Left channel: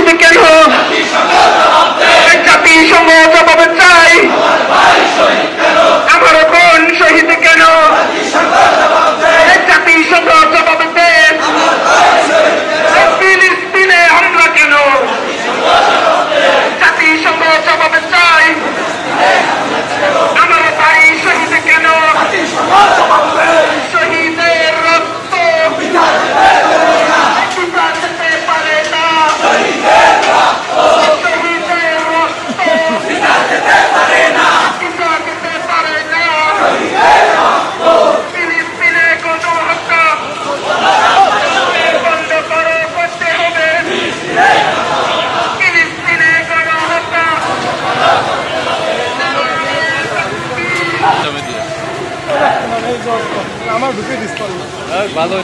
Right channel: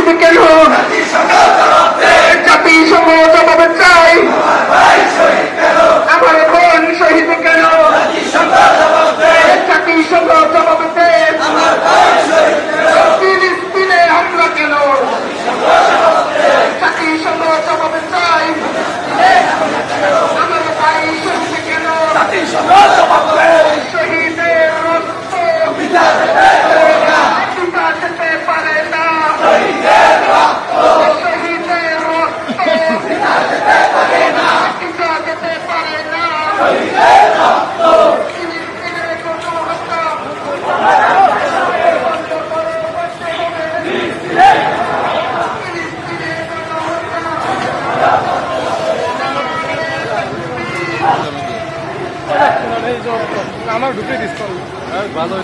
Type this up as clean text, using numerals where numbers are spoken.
শহীদ কেন? জাতিসংঘ জবাব চাই। আমার বোন শহীদ কেন? জাতিসংঘ জবাব দেন। ফিলিস্তিনে হামলা কেন? জাতিসংঘ জবাব চাই। আমার ভাই শহীদ কেন? শহীদের রক্ত পিতা যেতে পারে না। শহীদের রক্ত পিতা যেতে পারে না। ফিলিস্তিনে গণহত্যা বন্ধ করো, করতে হবে। ফিলিস্তিনে গণহত্যা আমার ঢুকে দিস ভালো